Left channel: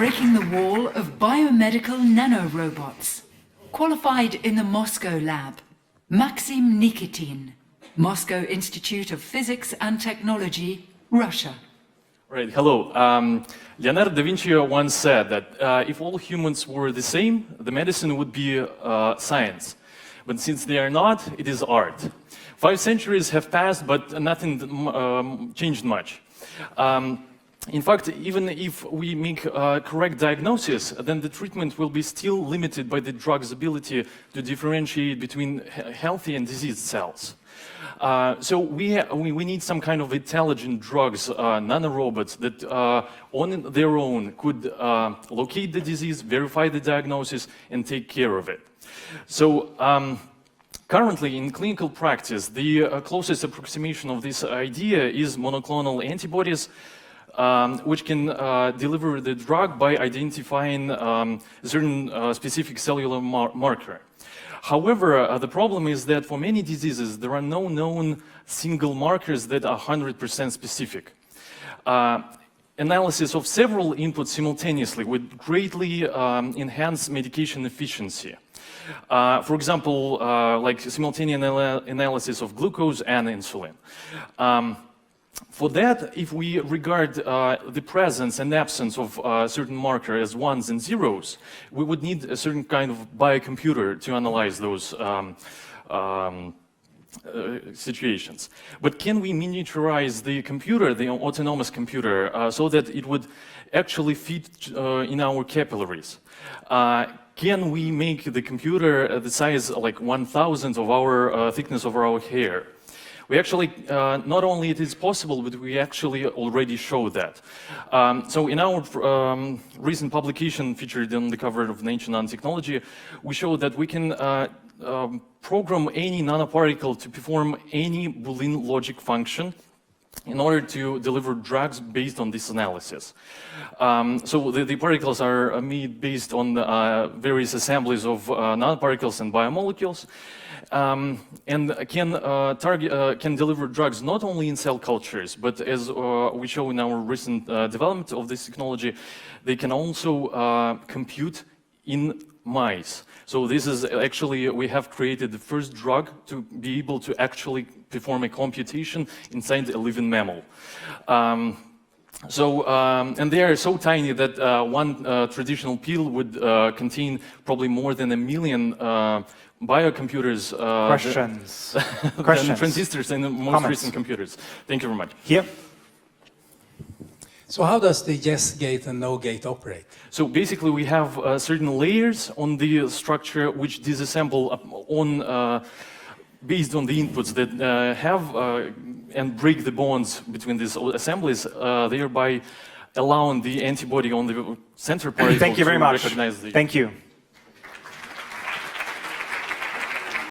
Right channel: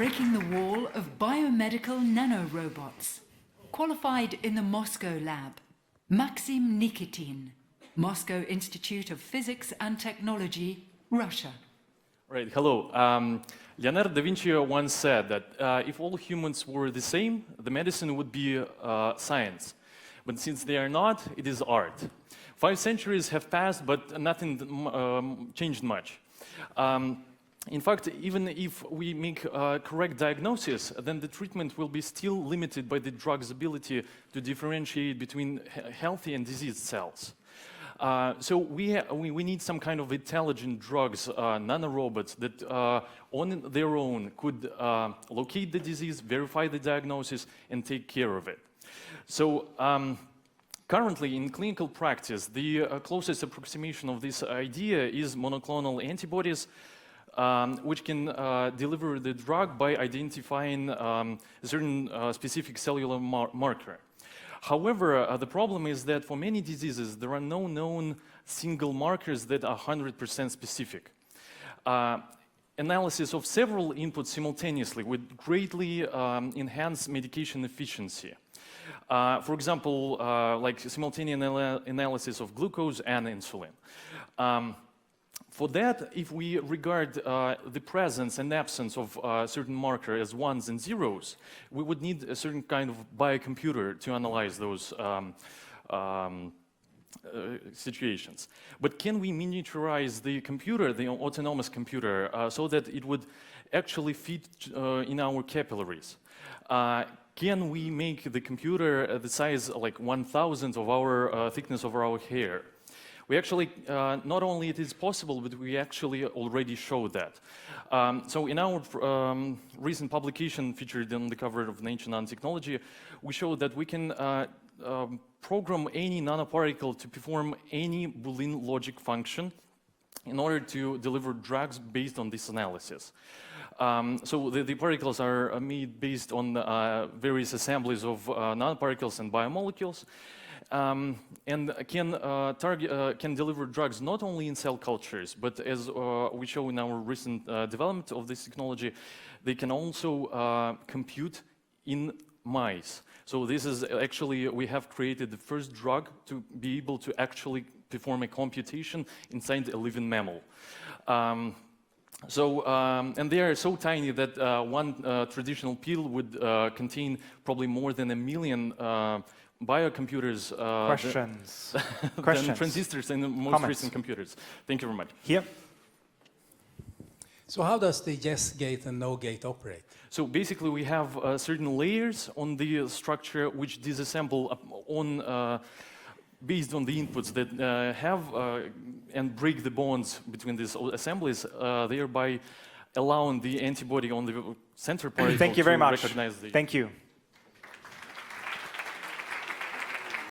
breaking the wall of biomedical nanorobots. Qualified in the Moscow lab, Maxim Nikitin, Moscow Institute of Physics and Technology, Russia. Right, hello. Leonardo da Vinci once said that if all humans were the same, the medicine would be science. But since they are not, it is art. 5 centuries have passed, but nothing changed much. In fact, even if we make a correct diagnosis, then the treatment will be still limited by the drug's ability to differentiate between healthy and diseased cells. So we need some kind of intelligent drugs, nanorobots, that on their own could locate the disease, verify the diagnosis, and take care of it. So currently in clinical practice, the closest approximation of this idea is monoclonal antibodies, which can deliver the drug by identifying certain specific cellular marker. However, the problem is that for many diseases, there are no known single markers that are 100% specific. Analysis of several inputs simultaneously would greatly enhance medication efficiency. For example, like simultaneous analysis of glucose and insulin. For that, if we regard the presence and absence of certain marker as ones and zeros, we would need a certain kind of biocomputer to analyze those situations. But can we miniaturize the computer, the autonomous computer, so that it would actually fit in our capillaries? Can we make the computer the size like 1,000th of our thickness of our hair? We actually, not only it is possible, but we actually already show that. So in our recent publication featured on the cover of Nature Nanotechnology, we show that we can program any nanoparticle to perform any Boolean logic function in order to deliver drugs based on this analysis. So the particles are made based on various assemblies of nanoparticles and biomolecules, and can deliver drugs not only in cell cultures, but as we show in our recent development of this technology, they can also compute in mice. So this is actually, we have created the first drug to be able to actually perform a computation inside a living mammal. And they are so tiny that one traditional pill would contain probably more than 1 million biocomputers, questions, transistors, and most recent computers. Thank you very much. Here. So how does the yes gate and no gate operate? So basically we have certain layers on the structure which disassemble on based on the inputs that have and break the bonds between these assemblies, thereby allowing the antibody on the center particle Thank you very much. recognize the... Thank you.